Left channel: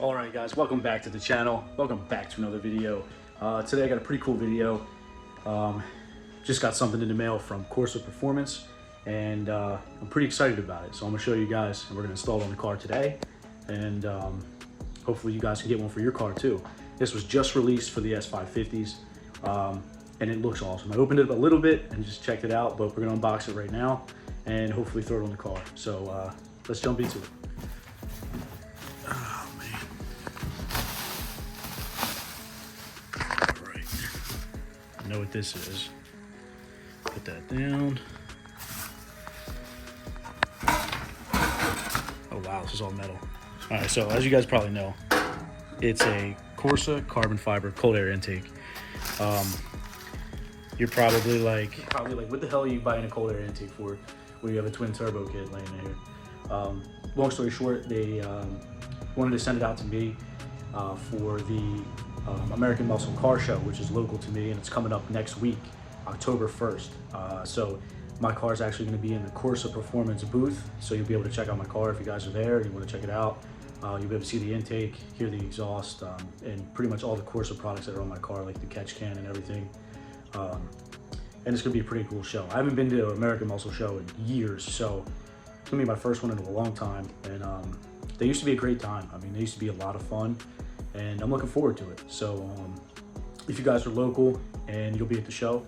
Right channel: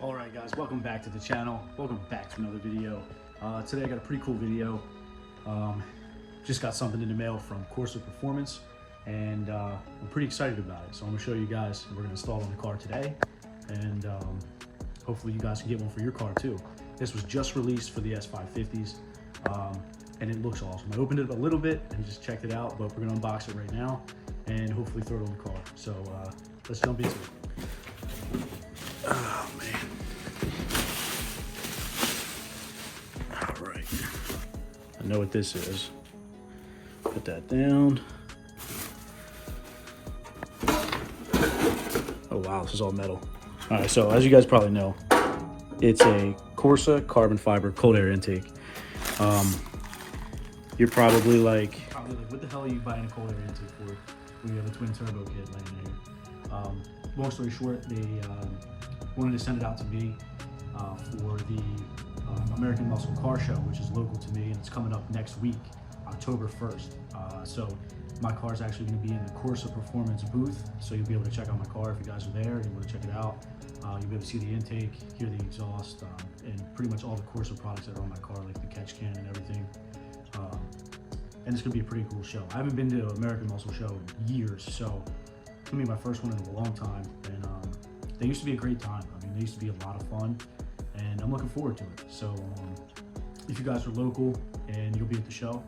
Alright guys, welcome back to the channel. Welcome back to another video. Today I got a pretty cool video. Just got something in the mail from CORSA Performance and I'm pretty excited about it. So I'm going to show you guys, and we're going to install it on the car today. And hopefully you guys can get one for your car too. This was just released for the S550s and it looks awesome. I opened it up a little bit and just checked it out, but we're going to unbox it right now and hopefully throw it on the car. So let's jump into it. Oh man. Alright. I know what this is. Put that down. Oh wow, this is all metal. Alright, so as you guys probably know, it's a CORSA carbon fiber cold air intake. You're probably like, what the hell are you buying a cold air intake for when you have a twin turbo kit laying there? Long story short, they wanted to send it out to me for the American Muscle Car Show, which is local to me, and it's coming up next week, October 1st. So my car is actually going to be in the CORSA Performance booth, so you'll be able to check out my car if you guys are there and you want to check it out. You'll be able to see the intake, hear the exhaust, and pretty much all the CORSA products that are on my car, like the catch can and everything. And it's going to be a pretty cool show. I haven't been to an American Muscle Show in years, so it's going to be my first one in a long time. And they used to be a great time. I mean, they used to be a lot of fun, and I'm looking forward to it. So if you guys are local and you'll be at the show,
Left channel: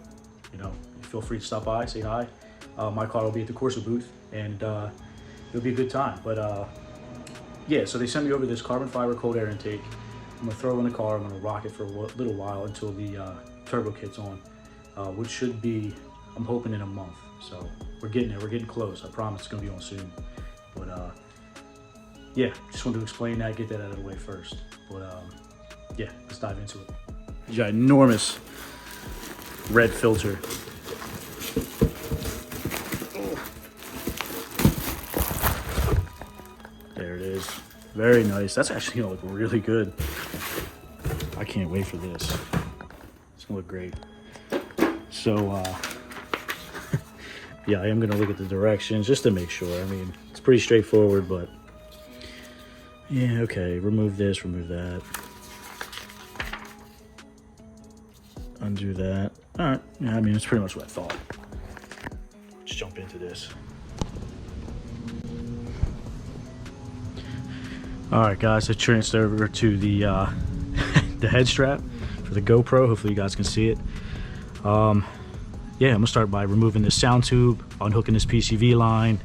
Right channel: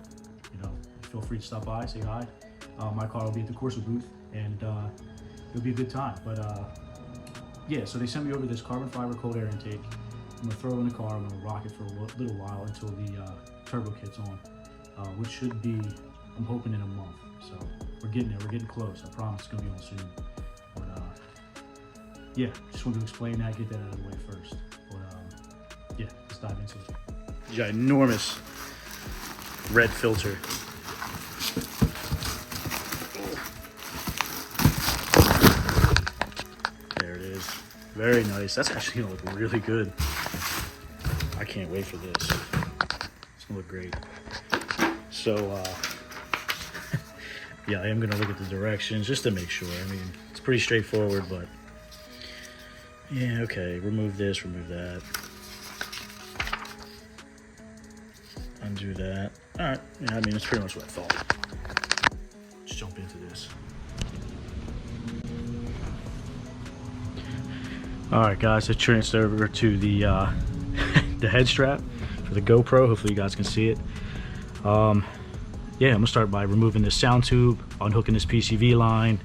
you know, feel free to stop by, say hi. My car will be at the CORSA booth, and it'll be a good time. But yeah, so they sent me over this carbon fiber cold air intake. I'm gonna throw it in the car. I'm gonna rock it for a little while until the turbo kit's on, which should be, I'm hoping, in a month. So we're getting there. We're getting close. I promise it's gonna be on soon. But yeah, just wanted to explain that, get that out of the way first. But yeah, let's dive into it. There's an enormous red filter. There it is. Very nice. That's actually gonna look really good. I can't wait for this. It's gonna look great. So yeah, I am gonna look at the directions just to make sure. I mean, it's pretty straightforward, but yeah, okay, remove this, remove that. Undo that. All right, yeah, I mean, it's pretty much what I thought. Let's jump into this. All right, guys, I transferred over to the the head strap for the GoPro. Hopefully you guys can see it. Yeah, I'm gonna start by removing this sound tube, unhooking this PCV line,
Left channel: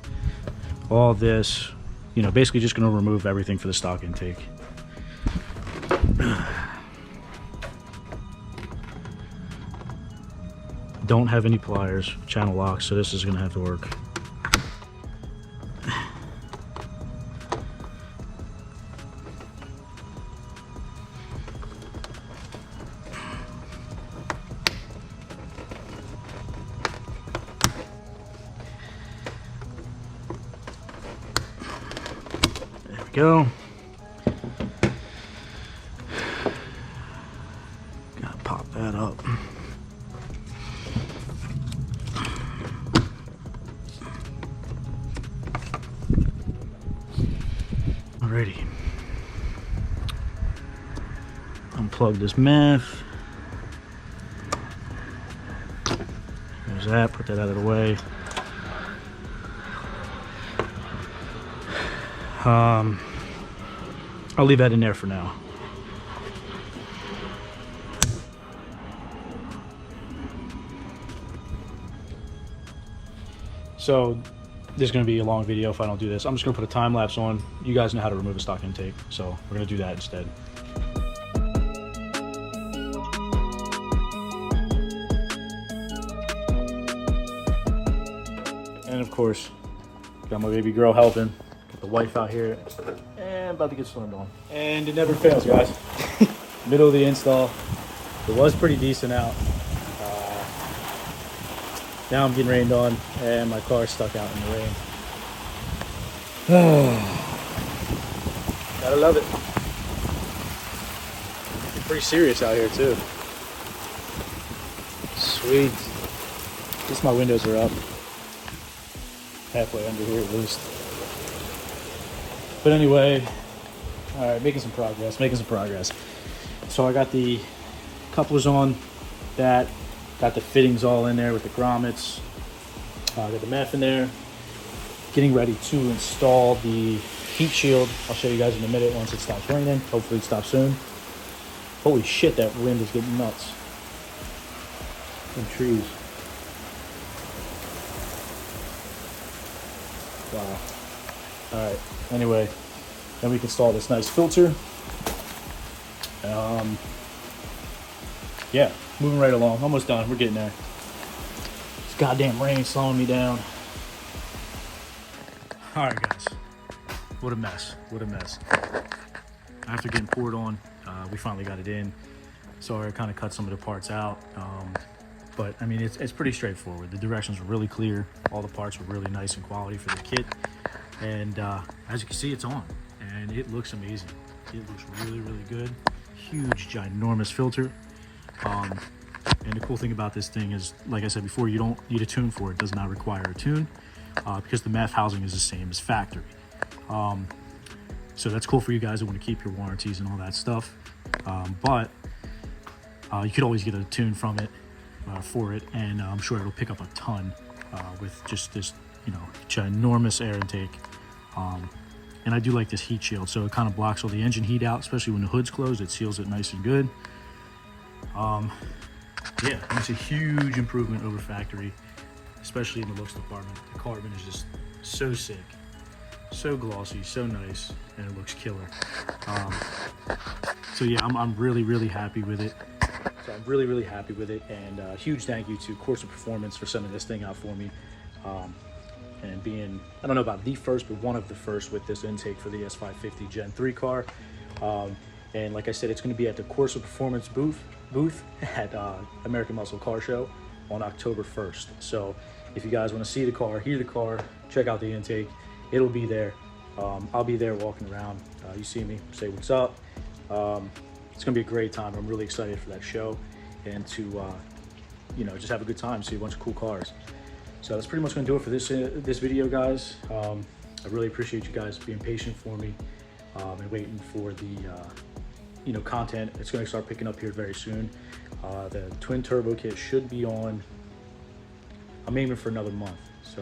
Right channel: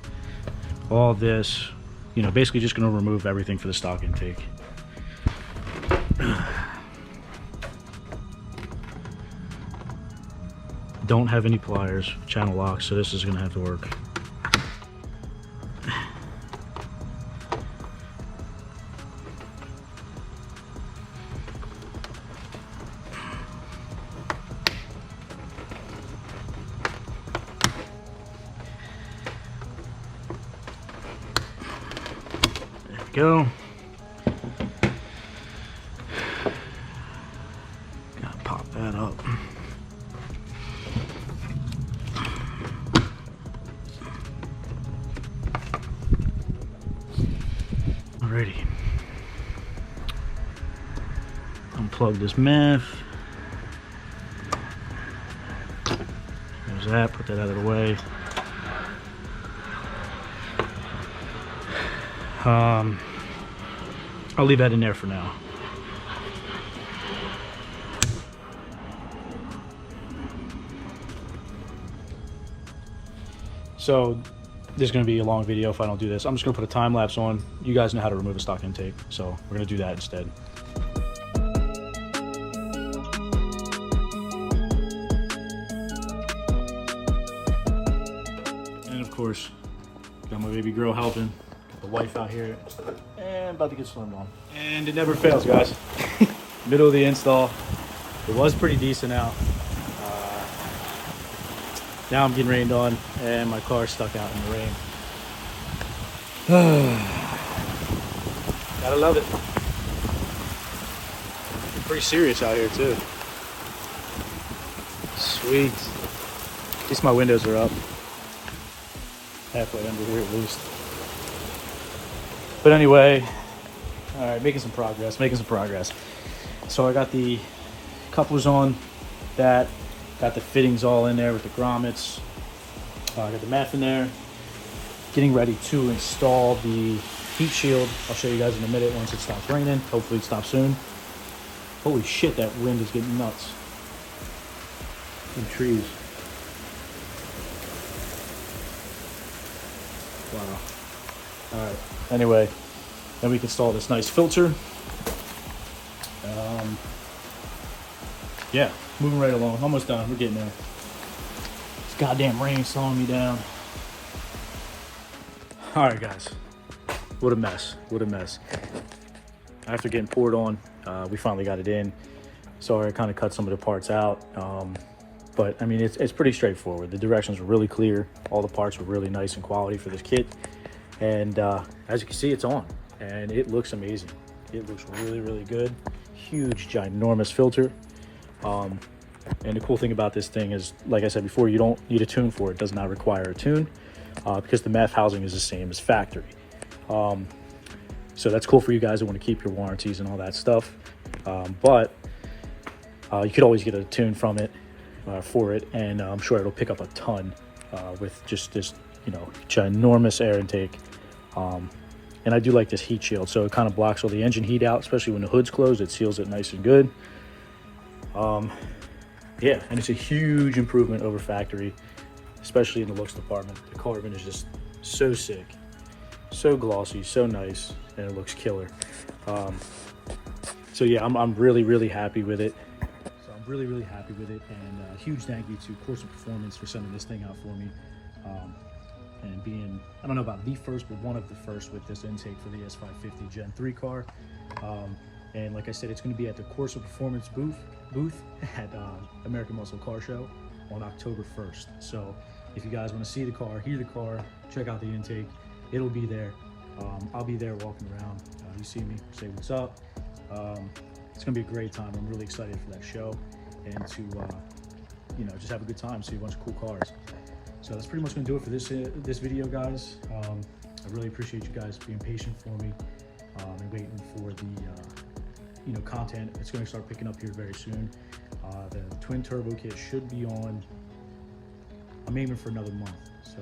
all this. You know, basically just gonna remove everything for the stock intake. Don't have any pliers, channel locks, so this is gonna have to work. There we go. Gotta pop that up. Alrighty. Unplug this meth. There's that, put that out of the way. I'll leave that in there for now. So this is going to be a long video if I don't do this. I'm just going to put a time lapse on. You guys know how to remove a stock intake, so we're going to do that instead. And of course, got my baby girl helping. Got the wife out here and about to get stormed on. And it never fails, guys. Middle of the install. It was pretty decent out. Now I'm getting rained on and my car's stuck out in the rain. Gotta love it. It's pretty serious out here too. Sweet. At least my windows are up. Halfway under here at least. But anyway, All right, making some progress, So I got the couplers on that, got the fittings all in there with the grommets. I got the meth in there. Getting ready to install the heat shield. I'll show you guys in a minute once it stops raining. Hopefully it stops soon. Holy shit, that wind is getting nuts. In trees. Wow. All right, anyway, then we can install this nice filter. Yeah, moving right along, almost done, we're getting there. This goddamn rain slowing me down. All right, guys, what a mess, After getting poured on, we finally got it in. Sorry, I kind of cut some of the parts out, but I mean, it's pretty straightforward. The directions were really clear. All the parts were really nice and quality for this kit. And as you can see, it's on, and it looks amazing. It looks really, really good. Huge, ginormous filter. And the cool thing about this thing is, like I said before, you don't need a tune for it. It does not require a tune because the meth housing is the same as factory. So that's cool for you guys who want to keep your warranties and all that stuff. But you could always get a tune from it for it, and I'm sure it'll pick up a ton with just this, you know, ginormous air intake. And I do like this heat shield, so it kind of blocks all the engine heat out, especially when the hood's closed. It seals it nice and good. Yeah, and it's a huge improvement over factory, especially in the looks department. The carbon is just so sick, so glossy, so nice, and it looks killer. So yeah, I'm really, really happy with it. And huge thank you to CORSA Performance for sending this thing out for me. And being, I don't know about the first, but one of the first with this intake for the S550 Gen 3 car. And like I said, it's going to be at the CORSA Performance booth at American Muscle Car Show on October 1st. So if you guys want to see the car, hear the car, check out the intake, it'll be there. I'll be there walking around. You see me, say what's up. It's going to be a great time. I'm really excited for that show and to, you know, just have a good time, see a bunch of cool cars. So that's pretty much going to do it for this video, guys. I really appreciate you guys being patient for me and waiting for the you know, content. It's going to start picking up here very soon. The twin turbo kit should be on. I'm aiming for another month, so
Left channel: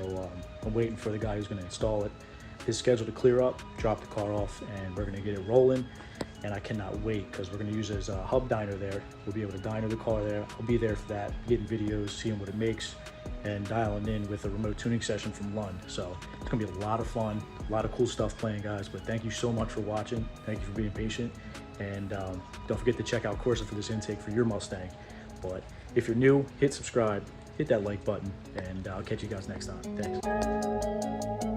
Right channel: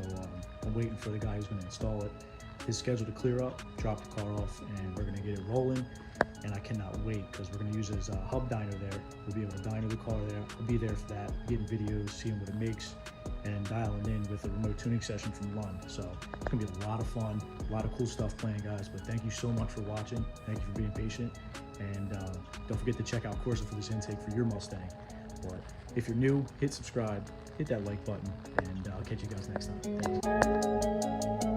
I'm waiting for the guy who's going to install it. His schedule to clear up, drop the car off, and we're going to get it rolling. And I cannot wait because we're going to use it as a hub diner there. We'll be able to diner the car there. I'll be there for that, getting videos, seeing what it makes, and dialing in with a remote tuning session from Lund. So it's going to be a lot of fun, a lot of cool stuff playing, guys. But thank you so much for watching. Thank you for being patient. And don't forget to check out CORSA for this intake for your Mustang. But if you're new, hit subscribe, hit that like button, and I'll catch you guys next time. Thanks.